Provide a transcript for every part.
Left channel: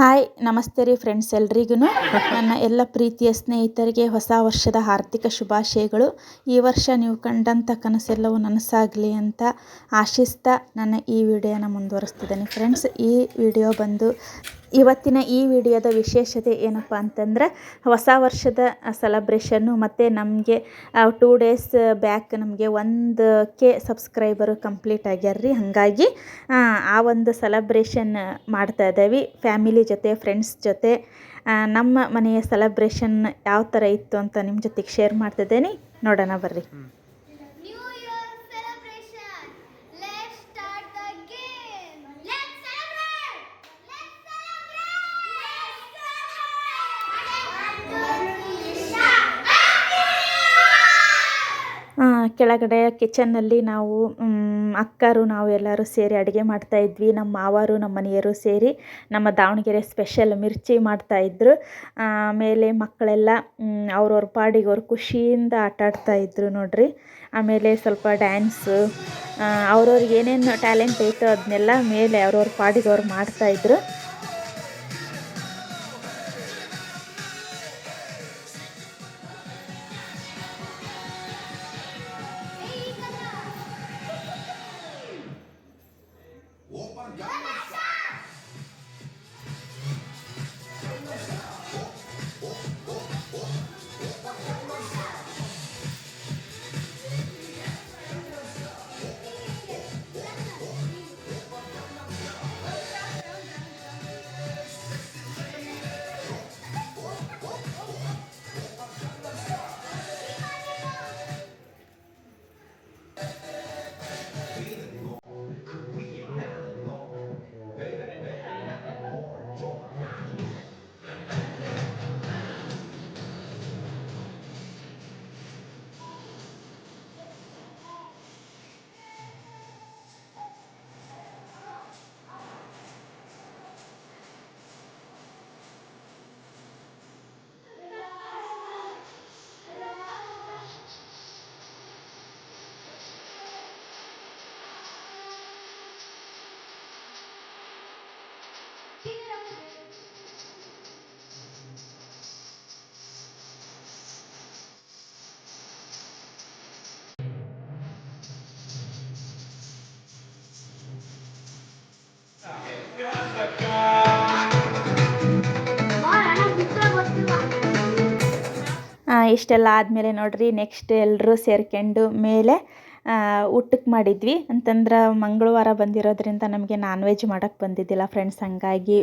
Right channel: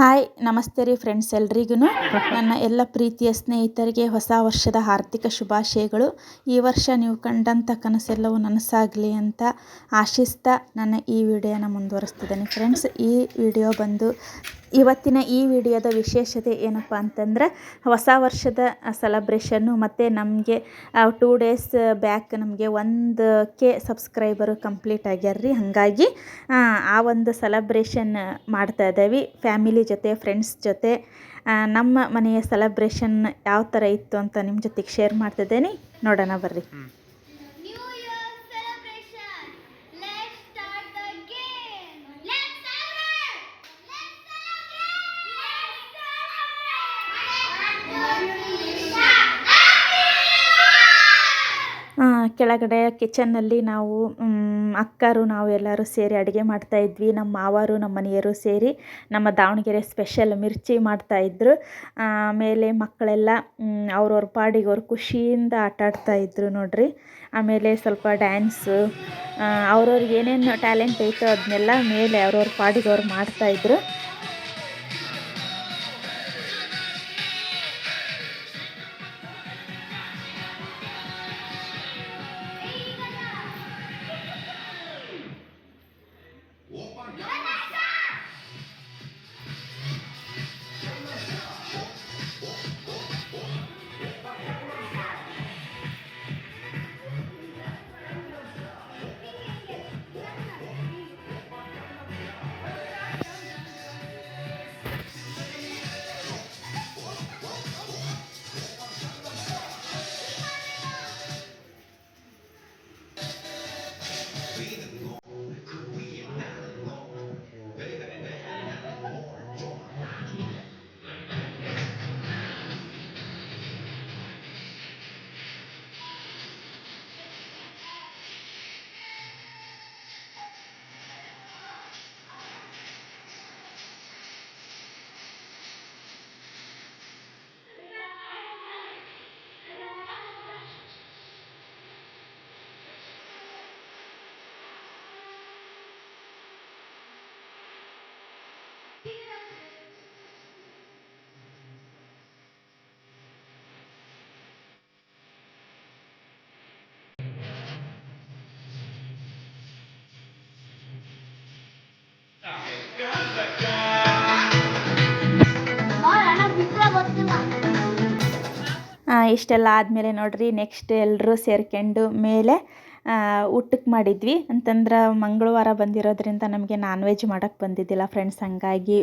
Hi ನಮಸ್ತೆ ರೀ friends ಎಲ್ರಿಗೂ ನನ್ನ ಎಲ್ಲ ಪ್ರೀತಿಯ ಸ್ನೇಹಿತರಿಗೆ ಹೊಸ ವರ್ಷದ ಹಾರ್ದಿಕ ಶುಭಾಶಯಗಳು. ಈ ವರ್ಷ ನೀವು ಕಂಡಂಥ ಕನಸೆಲ್ಲವೂ ನನಸಾಗಲಿ ಅಂತ ಆಶಿಸ್ತಾ ನನ್ನ ಈ ವಿಡಿಯೋನ ಮುಂದುವರಿಸ್ತಿದ್ದೇನೆ ಫ್ರೆಂಡ್ಸ್. ಈ ವಿಡಿಯೋ ಬಂದು ಇವತ್ತಿನ ಈ ವಿಡಿಯೋದ ವಿಶೇಷತೆ ಏನಪ್ಪ ಅಂತಂದ್ರೆ ಹೊಸ ವರ್ಷದ ಸೆಲೆಬ್ರೇಷನ್ನು ಮತ್ತು ನಮಗೆ 2 ಡೇಸ್ ಬ್ಯಾಕ್ ನಮಗೆ 1K ಸಬ್ಸ್ಕ್ರೈಬರು ಕಂಪ್ಲೀಟ್ ಆಗ್ಯಾರ್ರಿ. ಹಾಗಾಗಿ ಆ ಒಂದು ಸೆಲೆಬ್ರೇಷನ್ ಮಾಡ್ತಾ ಇದ್ದೇವೆ ಫ್ಯಾಮಿಲಿ ಜೊತೆ, ಫ್ರೆಂಡ್ಸ್ ಜೊತೆ. ನಮ್ಮ ಮನೆಯ ಸೆಲೆಬ್ರೇಷನ್ ಯಾವ ಥರ ಇತ್ತು ಅಂತ ನಿಮ್ಮ ಜೊತೆಗೆ ಶೇರ್ ಮಾಡ್ತಿದ್ದೇನೆ, ನೋಡೋಣ ಬರ್ರಿ. ಕೆಳಗಡೆ ಕಿಚನ್ನಲ್ಲಿ ನಾವು ಅಕ್ಕರು ನಾವು ಎಲ್ಲರೂ ಸೇರಿ ಅಡುಗೆ ಮಾಡ್ತಾಯಿದ್ವಿ. ನಮ್ಮ ಮಾವರು ನಮ್ಮ ಮನೆಯವರು ಸೇರಿ ನಮ್ಮ ದಾವಣಗೆರೆ ಸ್ಪೆಷಲ್ ಮಿರ್ಚಿ ಮಾಡ್ತಾಯಿದ್ರು. ಆಮೇಲೆ ಮಕ್ಕಳೆಲ್ಲ ಅವ್ರವ್ರ ಪಾಡಿಗೆ ಅವ್ರು ಖುಷಿಯಿಂದ ಆಟಾಡ್ತಾಯಿದ್ರು ನೋಡ್ರಿ. ಆಮೇಲೆ ಸ್ವಲ್ಪ ಡ್ಯಾನ್ಸು, ಅವ್ರವ್ರಿಗೆ ಏನೇನು ಟ್ಯಾಲೆಂಟ್ ಐತೋ ಅದನ್ನೆಲ್ಲ ಮೇಲೆ ಅವ್ರವ್ರ ಪಾಡಿಗೆ ಅವ್ರು ಮಾಡ್ತಾಯಿದ್ರು. ಇಷ್ಟೆಲ್ಲ ಆದಮೇಲೆ ನೋಡ್ರಿ, ನೆಕ್ಸ್ಟ್ ಎಲ್ಲರೂ ಸೇರ್ಕೊಂಡು ಮೇಲೆ ಊಟಕ್ಕೆ ಮಾಡಿದ್ವಿ. ಅಂತಂದ್ರೆ ಮಂಗಳವಾರ ಬಂದಿರೋದ್ರಿಂದ ನಮಗೆ ನಾನ್ ವೆಜ್ ಮಾಡೋಕ್ಕೆ ಬಂದಿದ್ದಿಲ್ಲ ಫ್ರೆಂಡ್ಸ್. ಹಾಗಾಗಿ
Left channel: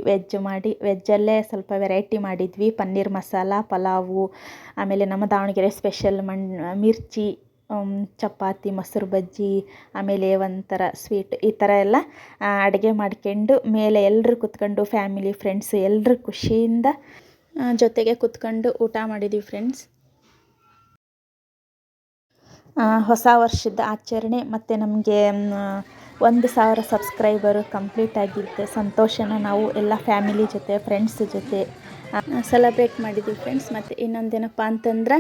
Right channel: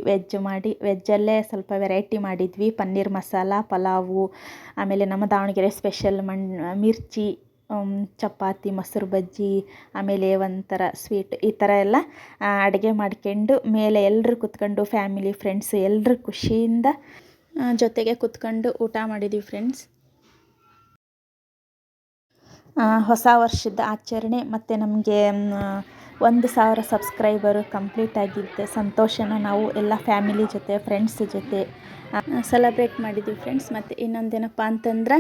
ವೆಜ್ಜಲ್ಲೇ ಸ್ವಲ್ಪ ವೆರೈಟಿ ಮಾಡಿದ್ವಿ. ಪನ್ನೀರ್ ಮಸಾಲ, ಪಲಾವು, ಆಮೇಲೆ ನಮ್ಮ ದಾವಣಗೆರೆ ಸ್ಪೆಷಲ್ ಮಿರ್ಚಿ, ಚಪಾತಿ, ಮೊಸರು ಬಜ್ಜಿ, ಆಮೇಲೆ ಒಂಥರ ಸ್ವೀಟ್, ಈ ಥರ ಎಲ್ಲ ಅಡುಗೆ ಮಾಡ್ಕೊಂಡು ಮೇಲೆ ಎಲ್ಲರೂ ಕೂತ್ಕೊಂಡು ಫ್ಯಾಮಿಲಿ, ಫ್ರೆಂಡ್ಸ್ ಎಲ್ಲರೂ ಖುಷಿಯಿಂದ ಜೊತೆಗೆ ಕೂತ್ಕೊಂಡು ಊಟ ಮಾಡಿದ್ವಿ ಫ್ರೆಂಡ್ಸ್. ಹೊಸ ವರ್ಷದ ಆಚರಣೆ ಮತ್ತು ನಮಗೆ 1,000 ಸಬ್ಸ್ಕ್ರೈಬರು ಕಂಪ್ಲೀಟ್ ಆಗಿದ್ದ ಸಂತೋಷನ ನಾವು ಎಲ್ಲ ಫ್ಯಾಮಿಲಿ ಜೊತೆ, ಫ್ರೆಂಡ್ಸ್ ಜೊತೆ ಸೆಲೆಬ್ರೇಟ್ ಮಾಡಿದ್ವಿ ಫ್ರೆಂಡ್ಸ್. ಮತ್ತು ಇನ್ನೊಂದೇನಪ್ಪ ಅಂತಂದ್ರೆ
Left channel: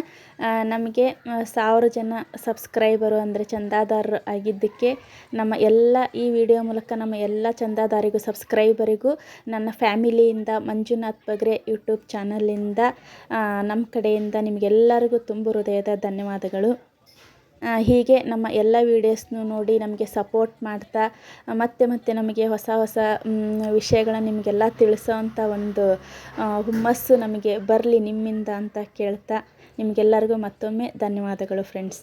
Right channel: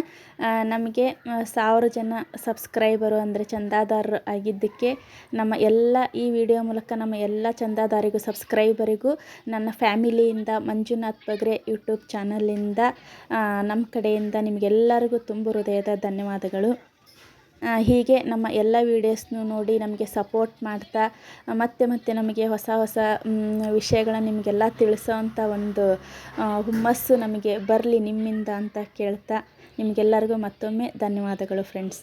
ನಮಗೆ 1,000 ಜನ ಸಬ್ಸ್ಕ್ರೈಬರು ಅಂದರೆ ಚಂದಾದಾರರು ಆಗಿದ್ದಕ್ಕೆ ನಮ್ಮ ಎಲ್ಲ ಈ ವಿಡಿಯೋ ಮೂಲಕ ನಮ್ಮ ಎಲ್ಲ ಚಂದಾದಾರಿಗೂ, ಸಬ್ಸ್ಕ್ರೈಬರಿಗೂ ನನ್ನ ಫ್ಯಾಮಿಲಿಯಿಂದ, ಮಂಜುನಾಥ್ ಬಗ್ರೆ ಯೂಟ್ಯೂಬ್ ಚಾನಲಿಂದ ನಮ್ಮ ಕಡೆಯಿಂದ ನಿಮಗೆಲ್ಲರಿಗೂ ತುಂಬ ಹೃದಯದ ಧನ್ಯವಾದಗಳು. ಹೀಗೆ ನಮ್ಮ ಎಲ್ಲ ವೀಡಿಯೋಸ್ನು ನೋಡಿ ನಮಗೆ ಸಪೋರ್ಟ್ ಮಾಡ್ತಾ ಮತ್ತೆ ನಮಗೆ ಹೊಸ ವಿಷಯಗಳನ್ನ ನಿಮಗೆಲ್ಲ ತಿಳಿಸೋವಂಥ ಒಂದು ಹುಮ್ಮಸ್ಸು ನಮಗೆ ಬರಲಿ ನಿಮ್ಮಿಂದ ಅಂತ ಕೇಳ್ತಾ ನಿಮಗೆಲ್ಲರಿಗೂ ಮತ್ತೊಮ್ಮೆ ಧನ್ಯವಾದಗಳು ಫ್ರೆಂಡ್ಸ್.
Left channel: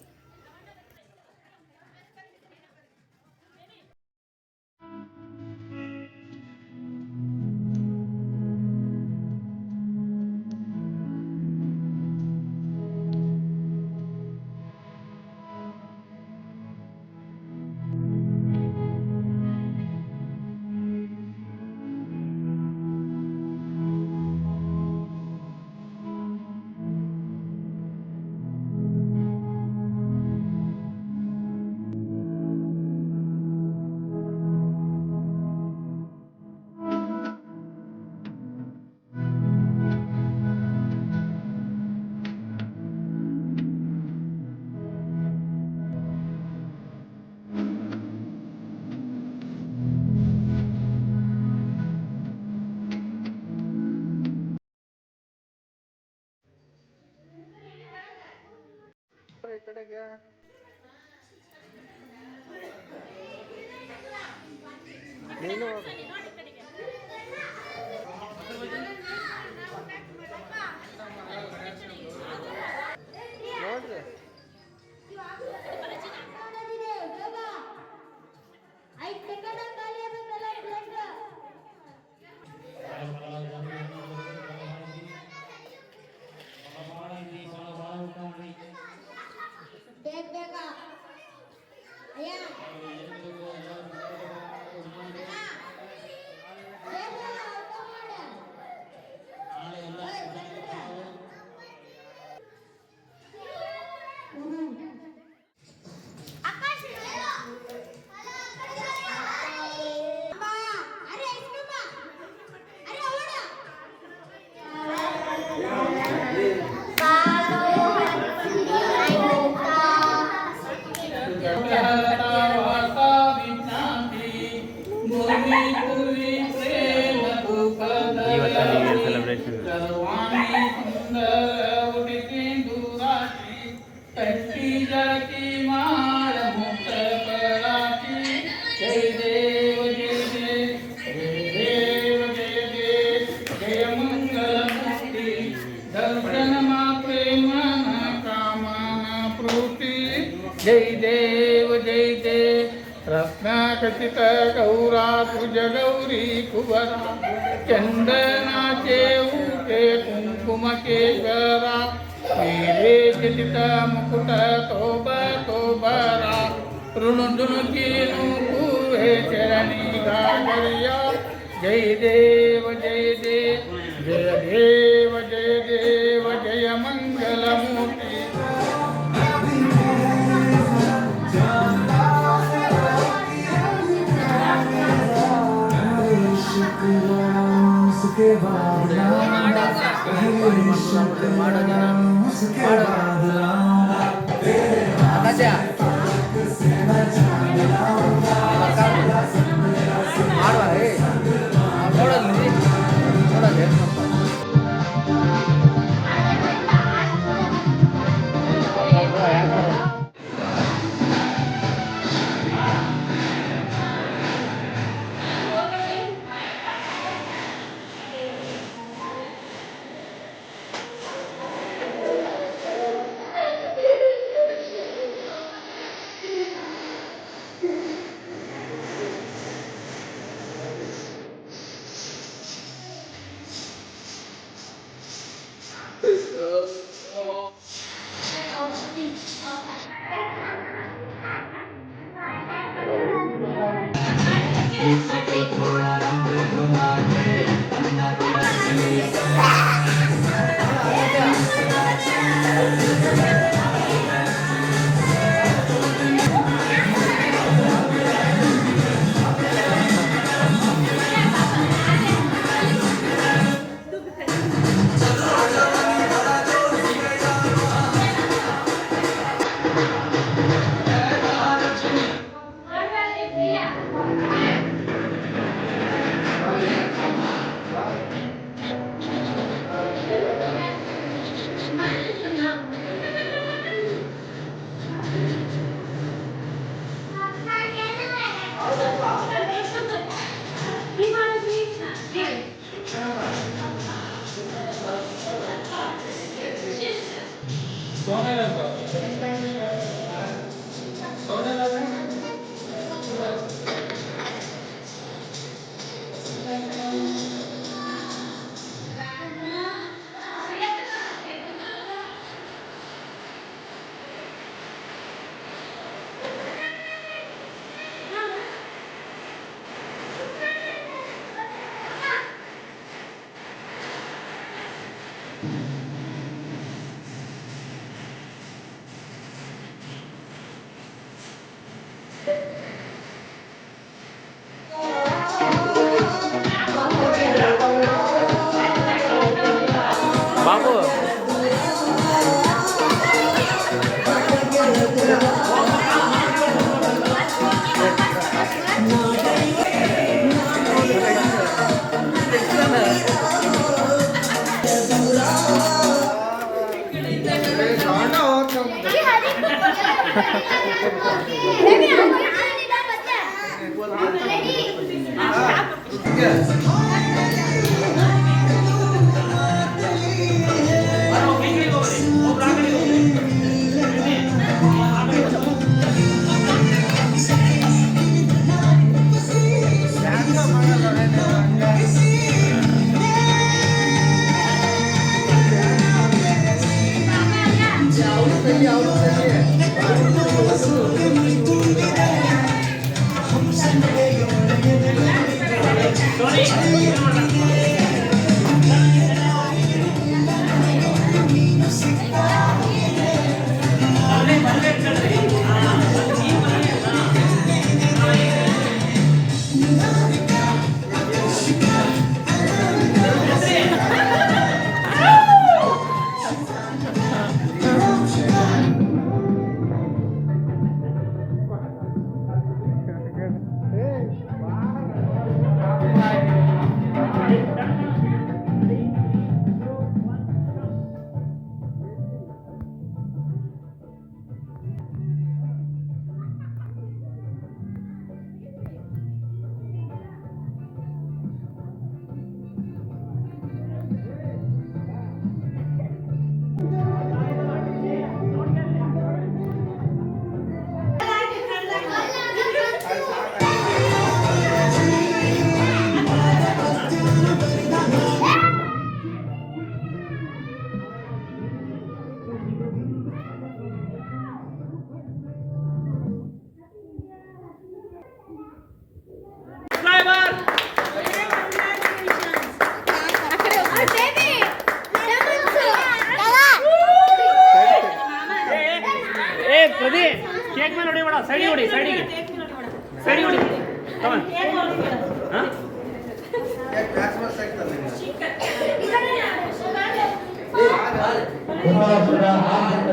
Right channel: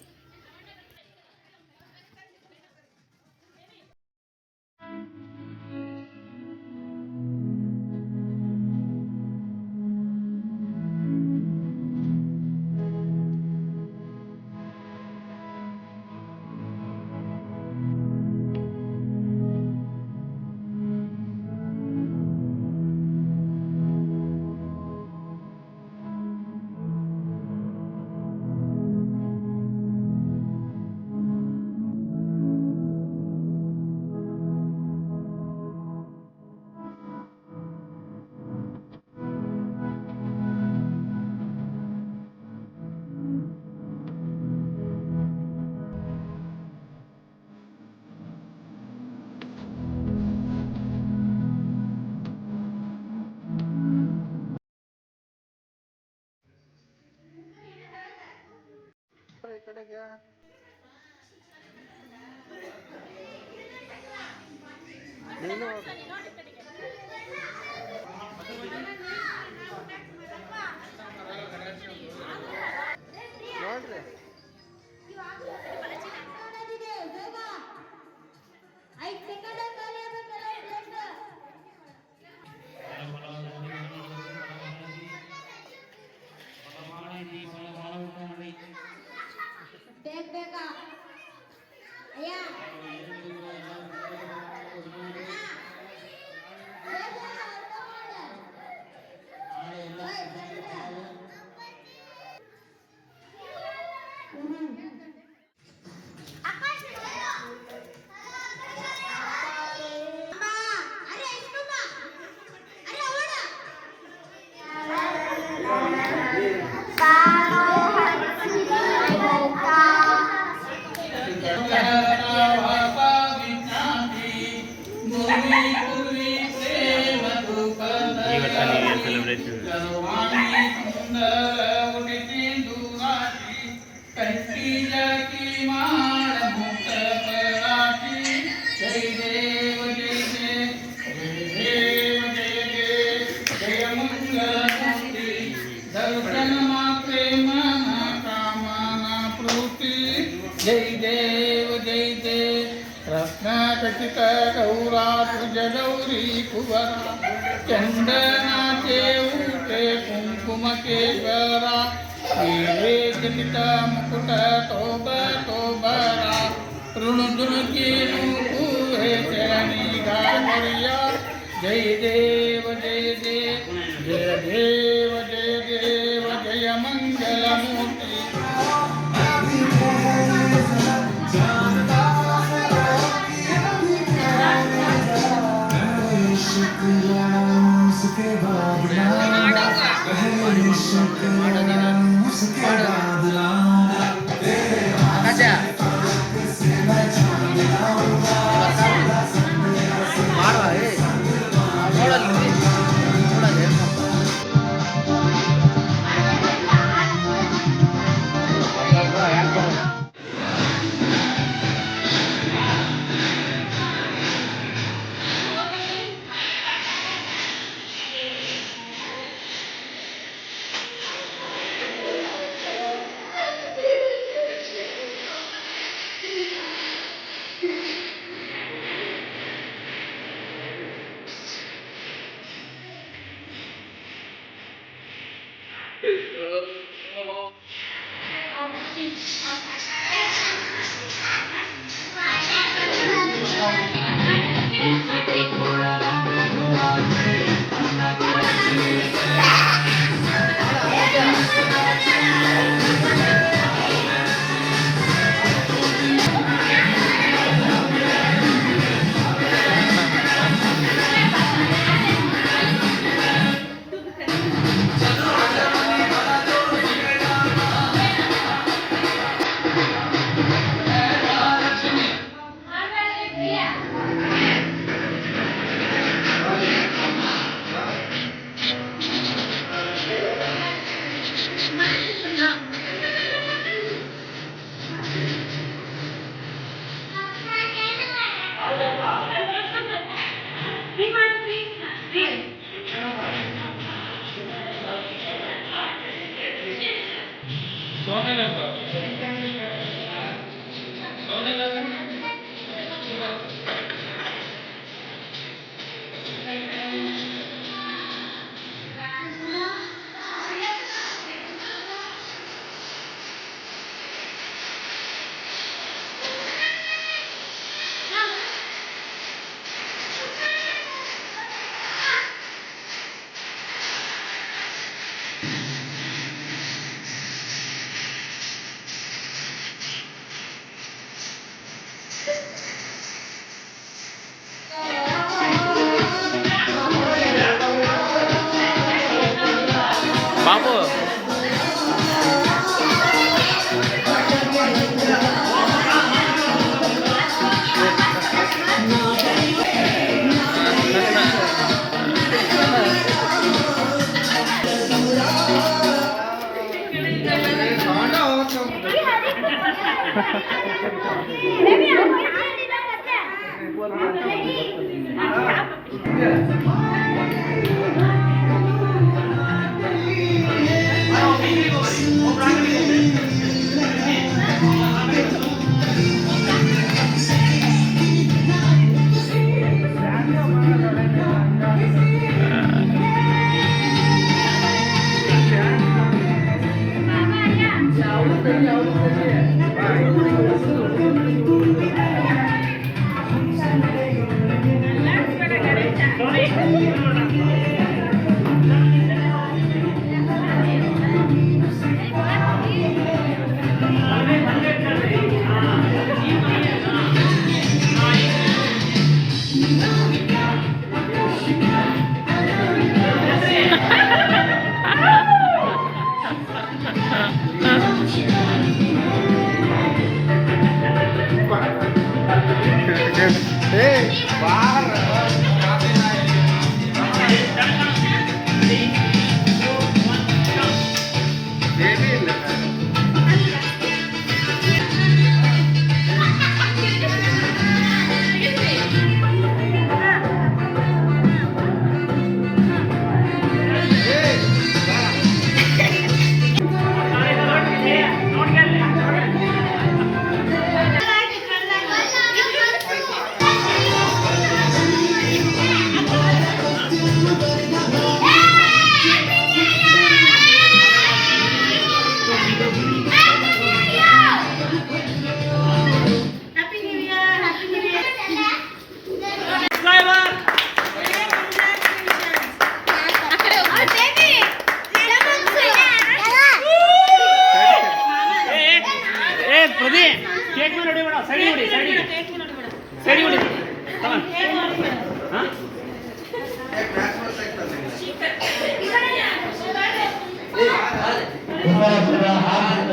ನೋಡ್ರಿ जय देव रत्नाखचित गौराभुज गौरी कुवरा चंदनाचे ऊटे कुंकुमकेश्वरा हीरे जटित मुकुट तोब तोबरा ऋणुकी हे चरणी गागरिया जय देव जय देव जय मंगलमूर्ति उसके बाद उसके बाद बाबू ಕೇಕ್ ಮೇಲೆ ಹೊಡಿ ಬೇಡ, ಸೈಡಿ ಹೊಡಿ, ಸೈಡಿಗೆ ಸೈಡಿ ಹೊಡಿ.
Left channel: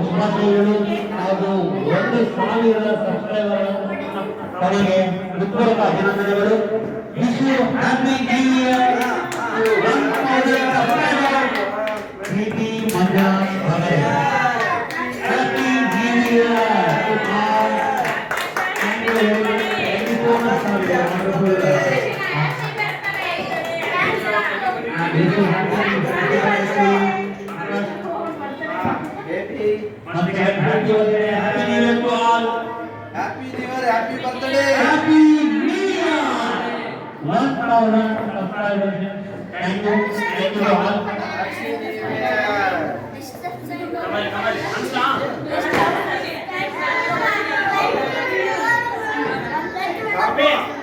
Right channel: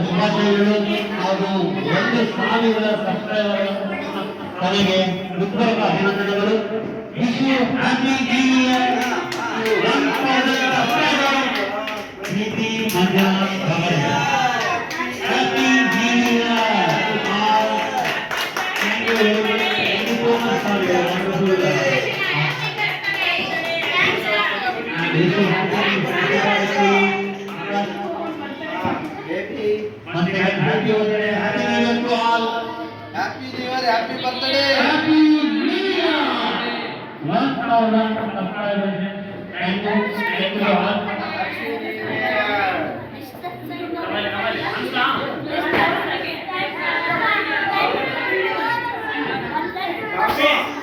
ಶುಭಾಶಯಗಳು ಹಾಗೂ 1,000 ಸಬ್ಸ್ಕ್ರೈಬರ್ ತನಗೆ ಹೃತ್ಪೂರ್ವಕ ಅಭಿನಂದನೆಗಳು. Wish you happy new year. 1,000 subscriber ಪ್ರೀತಿ ಮಂಜಾ happy new year to all. Thank you very much. Thank you so much for your wonderful Happy New Year to all. Happy New Year, happy birthday. Happy New Year. 1,000 subscribers. Thank you to all. Happy New Year.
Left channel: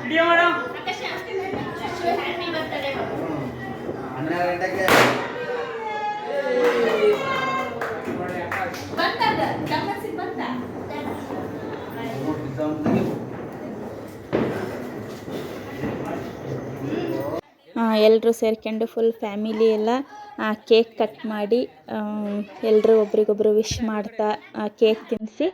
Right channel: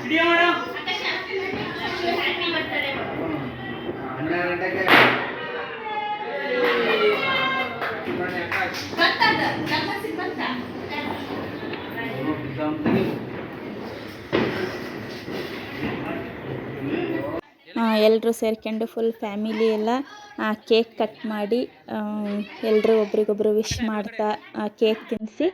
Video ಮಾಡು. 12 ಗಂಟೆಗೆ ಎಲ್ಲರೂ ಸೇರ್ಕೊಂಡು full family ಎಲ್ಲ cake cut ಮಾಡಿ ಎಲ್ಲರೂ ಒಬ್ರಿಗೊಬ್ರು wish ಮಾಡ್ತಾ cake ತಿನ್ನಿಸಿ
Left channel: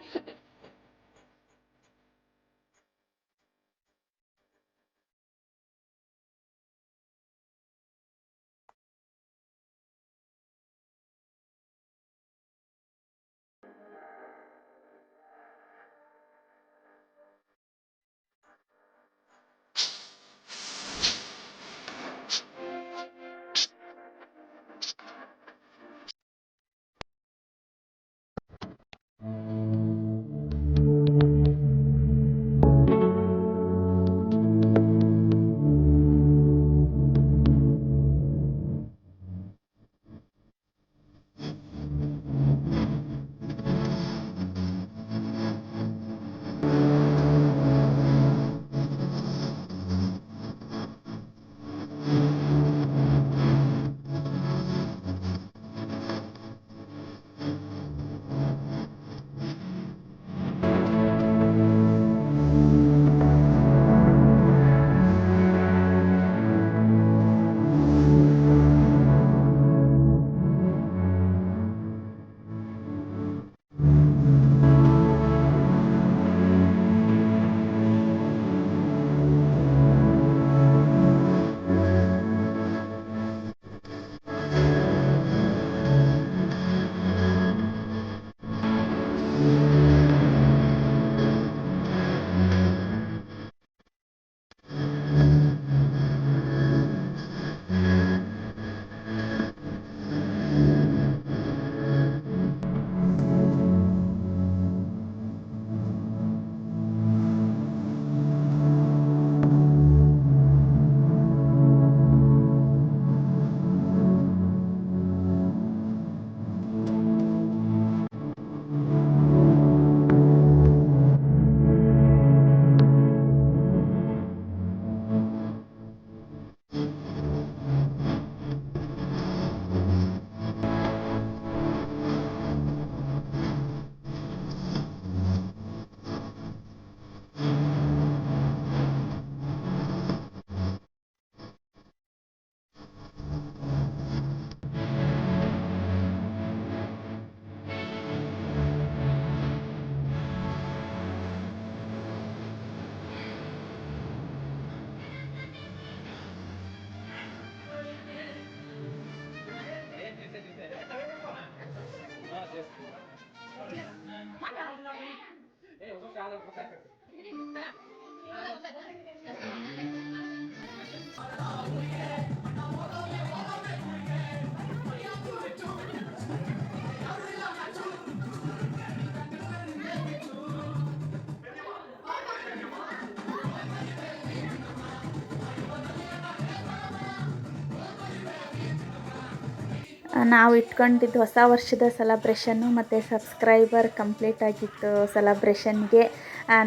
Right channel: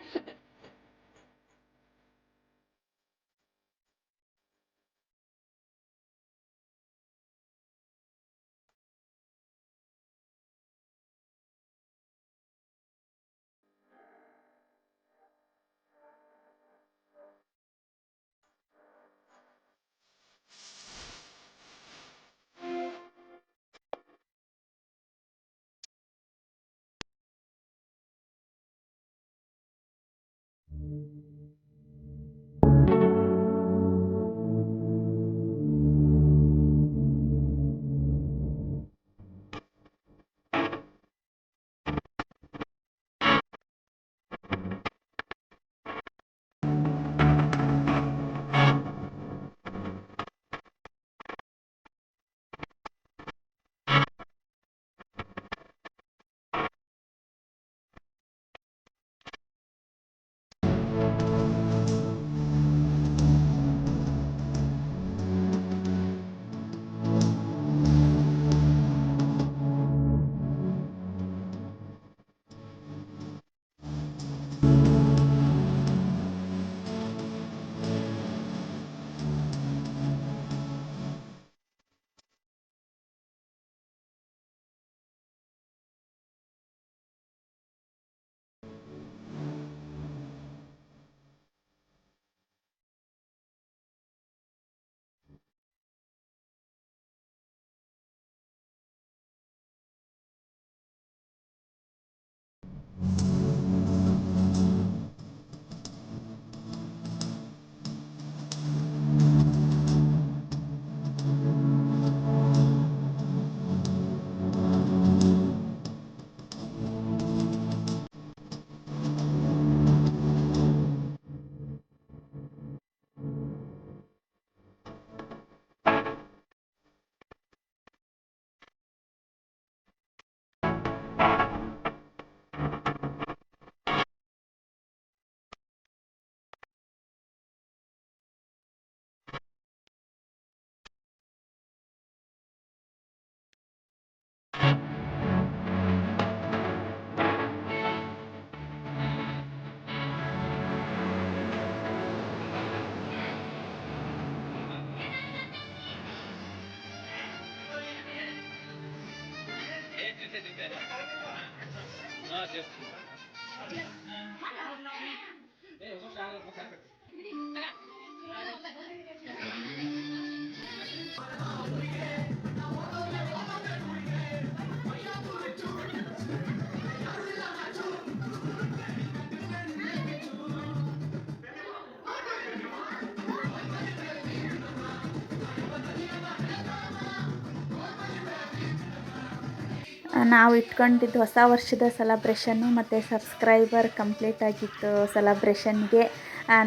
ನಾವು ಇಟ್ಕೊಂಡಿದ್ದು ಹೊಸ ವರ್ಷದ ಸೆಲಬ್ರೇಷನ್ನು ಮತ್ತು ಸಬ್ಸ್ಕ್ರೈಬರ್ ಕಂಪ್ಲೀಟ್ ಆಗಿತ್ತು ಸೆಲಬ್ರೇಷನ್ಗೆ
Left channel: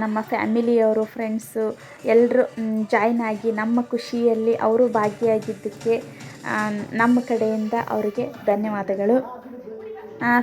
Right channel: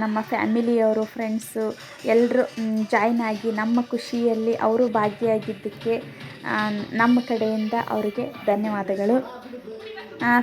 ನಮ್ಮ ಫ್ಯಾಮಿಲಿಯವರು ಫ್ರೆಂಡ್ಸು ಎಲ್ಲರೂ ಜಾಯ್ನ್ ಆಗಿ ನಮ್ಮ ಖುಷಿಯಲ್ಲಿ ಅವರು ಭಾಗಿಯಾಗಿದ್ದಕ್ಕೆ ನಮ್ಮ ಕಡೆಯಿಂದ ಅವರಿಗೆ ಧನ್ಯವಾದಗಳು.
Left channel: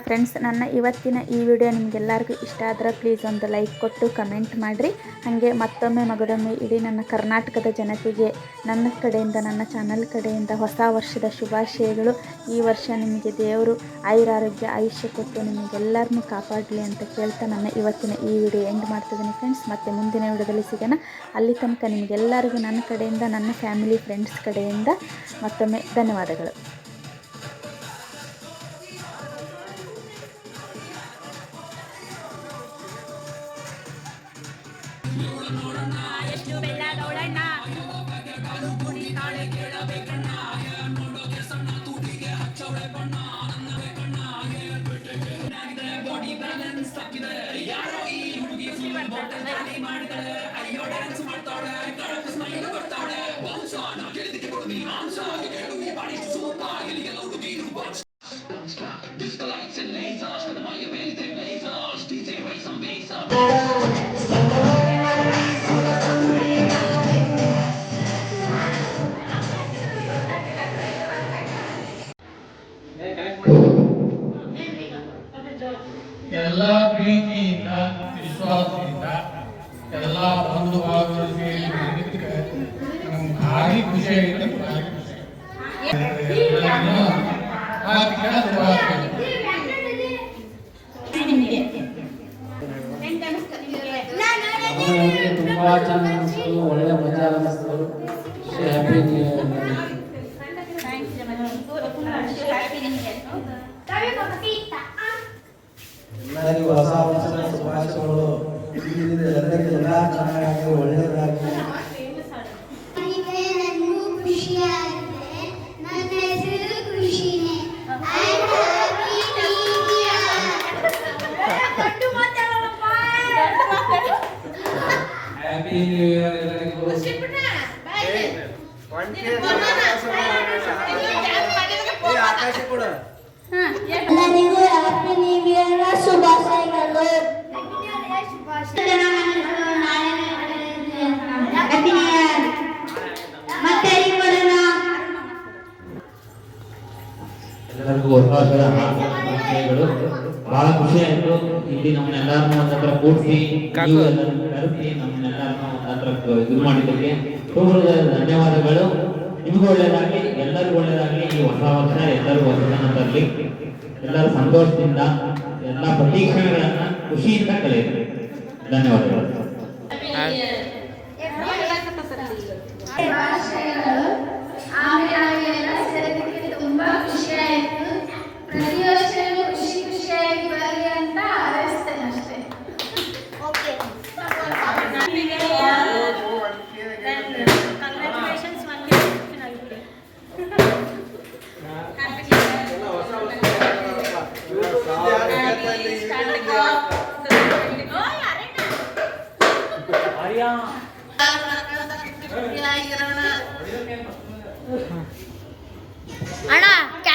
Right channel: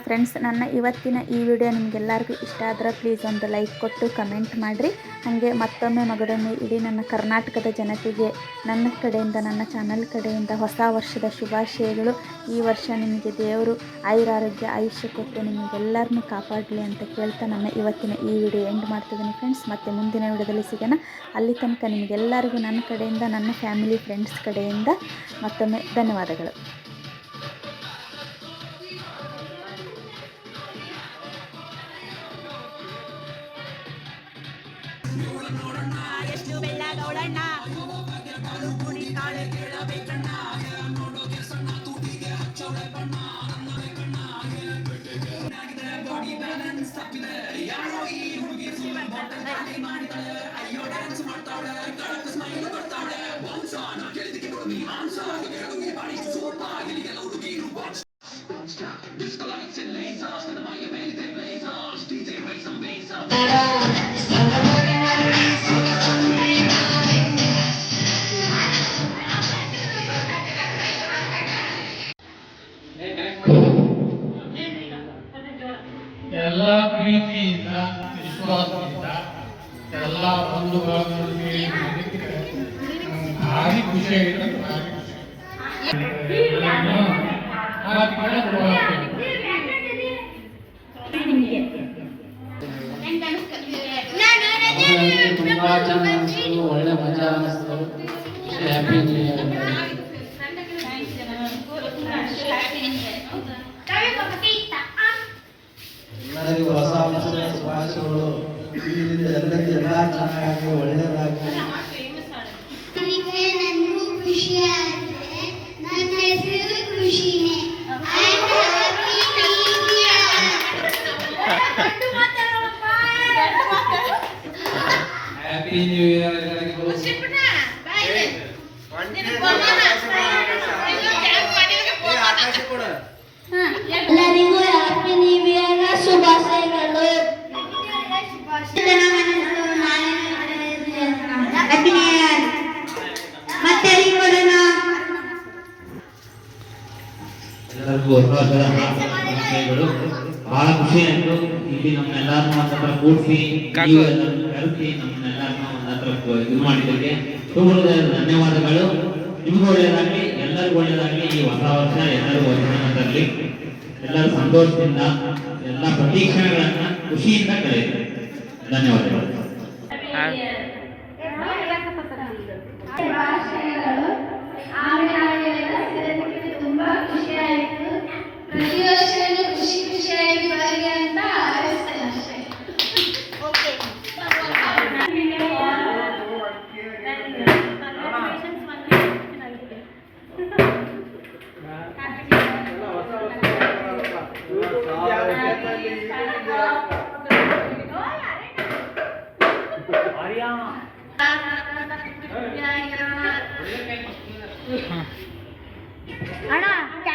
ಫ್ರೆಂಡ್ಸ್, ನನ್ನ ಇವತ್ತಿನ ಈ ವಿಡಿಯೋ ನಿಮಗೆಲ್ಲರಿಗೂ ಇಷ್ಟ ಆದರೆ ಪ್ಲೀಸ್ ಒಂದು ಲೈಕ್ ಕೊಟ್ಟು ಕಮೆಂಟ್ ಮಾಡಿರಿ. ಹಾಗೆ ಮತ್ತೊಮ್ಮೆ ಮಗದೊಮ್ಮೆ ಇಡೀ ನನ್ನ ಕರ್ನಾಟಕದ ಜನತೆಗೆ ನನ್ನ ಕಡೆಯಿಂದ, ನನ್ನ ಚಾನಲ್ ಕಡೆಯಿಂದ ಹೊಸ ವರ್ಷದ ಶುಭಾಶಯಗಳು. ಈ ವರ್ಷ ನಿಮಗೆ ದೇವರು ಆಯುರಾರೋಗ್ಯ ಆಯುಷ್ಯ ಕೊಟ್ಟು ನಿಮಗೆಲ್ಲರನ್ನೂ ಕಾಪಾಡಲಿ ಅಂತ ಕೇಳ್ತಾ ನನ್ನ ಇವತ್ತಿನ ಈ ವಿಡಿಯೋ ಎಂಡ್ ಮಾಡ್ತಿದ್ದೀನಿ ಫ್ರೆಂಡ್ಸ್. ಮತ್ತು ಮುಂದಿನ ವಿಡಿಯೋದಲ್ಲಿ ಸಿಗೋಣ. ಅಲ್ಲಿ ತನಕ ನಿಮಗೆಲ್ಲರಿಗೂ ನನ್ನ ಕಡೆಯಿಂದ, ನನ್ನ ಫ್ಯಾಮಿಲಿ ಫ್ರೆಂಡ್ಸ್ ಕಡೆಯಿಂದ ಮತ್ತೊಮ್ಮೆ ಧನ್ಯವಾದಗಳು. ಎಷ್ಟು ಬೆಳ್ಳಗೌಳಣ್ಣ ಕುಣಿತಾಳೆ ಕೇಳಬೇಕಣ್ಣ. ಎಲ್ಲ ಪ್ರೀತಿಯಿಂದ ವಿಶ್ವಾಸದಿಂದ ಎಲ್ಲ ಬಂಧು ಬಾಂಧವರು ಸೇರಿ ನಮ್ಗೆ ಭಾರಿ ಖುಷಿಯಾಗಿದೆ. ಎಲ್ಲರಿಗೂ ಆರ್ಥಿಕ ಶುಭಾಶಯಗಳು. ತುಂಬಾ ಚೆನ್ನಾಗಿ ಅನಿಸ್ತು, ಒಳ್ಳೆ ಮಜಾ ಅನಿಸ್ತು. Happy new year. ಎಲ್ಲರಿಗೂ ಹೊಸ ವರ್ಷದ ಶುಭಾಶಯಗಳು. ಎಲ್ಲರಿಗೂ ಎಲ್ಲ ಚೆನ್ನಾಗಿ ಒಳ್ಳೆಯದಾಗಿ. ನನಗೂ ಖುಷಿ ಆಗಿದೆ. ನನ್ನ ಹೆಸರು ಖುಷಿನೇ. ಹ್ಯಾಪಿ ನ್ಯೂ ಇಯರ್ ಎಲ್ಲರಿಗೂ. ಆಕಾಶ ಕೂಡ ಎಲ್ಲರಿಗೂ ಹ್ಯಾಪಿ ನ್ಯೂ ಇಯರ್ ಶುಭಾಶಯಗಳು. Happy new year. ಮತ್ತೆ ಎಲ್ಲರಿಗೂ ಹೊಸ ವರ್ಷದ ಶುಭಾಶಯಗಳು. ಬಹಳ ಖುಷಿ ಆಯ್ತು. ಇಲ್ಲಿ ನಮ್ಮೆಲ್ಲರನ್ನ ಹತ್ರ ಕೂಡಿಸಿ ಕರೆಸಿ ನಮ್ಮೆಲ್ಲರನ್ನ ಹತ್ರ ಇದು ಮಾಡಿದ್ದಕ್ಕೆ ತುಂಬ ಧನ್ಯವಾದಗಳು. ನಿಮ್ಗೂ ಒಳ್ಳೆಯದಾಗಲಿ, ಎಲ್ಲರಿಗೂ ಒಳ್ಳೆಯದಾಗಲಿ. ಈ ಹೊಸ ವರ್ಷ ಎಲ್ಲರೂ ವರ್ಷವನ್ನು ತರಲಿ. ಎಲ್ಲರೂ ಸಂತೋಷದಿಂದ ಎಲ್ಲ ಪ್ರತೀಕ್ಷಣೆಗಳನ್ನ ಖುಷಿಯಿಂದ ಕಳೆಯಿರಿ. ಧನ್ಯವಾದಗಳು. ತುಂಬಾ ಖುಷಿ ಆಯ್ತು. ಪ್ರತಿ ವರ್ಷನೂ ಖುಷಿ ಖುಷಿಯಾಗಿ ಬರಲಿ ಅಂತ ಹಾರೈಸ್ತೇನೆ ಅಷ್ಟೇ. ಅಣ್ಣ